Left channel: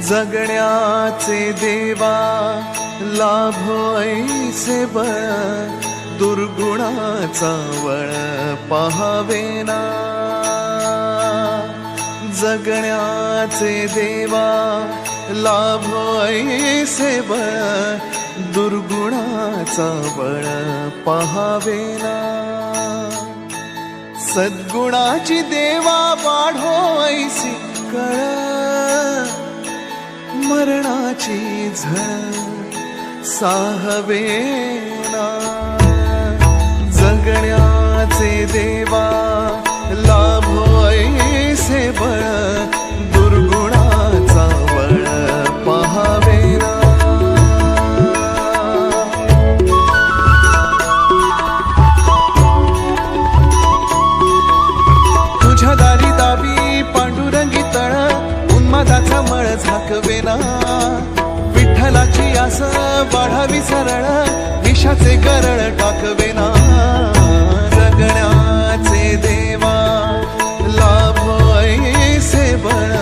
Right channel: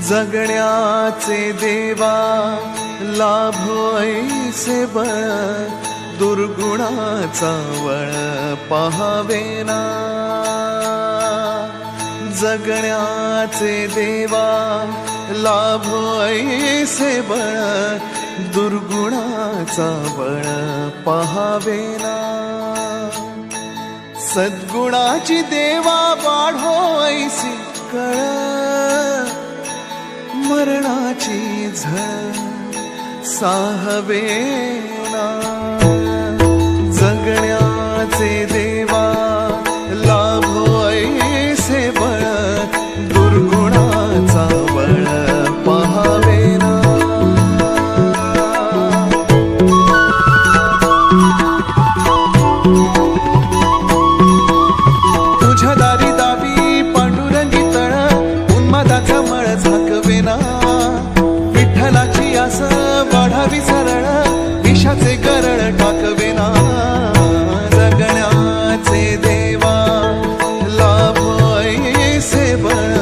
जगण्याचे देवा लाभो ऐसे बळ, दुर्गुणाचा वळ पहावेना। जगण्याचे देवा लाभो ऐसे बळ, दुर्गुणाचा बळ पहावेना। सद्गुणाची देवा वाढो ऐसी कळ, मरणाची झळ साहवेना। जगण्याचे देवा लाभो ऐसे बळ, दुर्गुणाचा बळ पहावेना। तुझ्या दारी दावी पांडुरंगी तळ, उन्मादाचा मळ झाकवेना। विठ्ठलाची आस वाढावी सरळ, विषाचे गरळ टाकवेना। जगण्याचे देवा लाभो ऐसे बळ,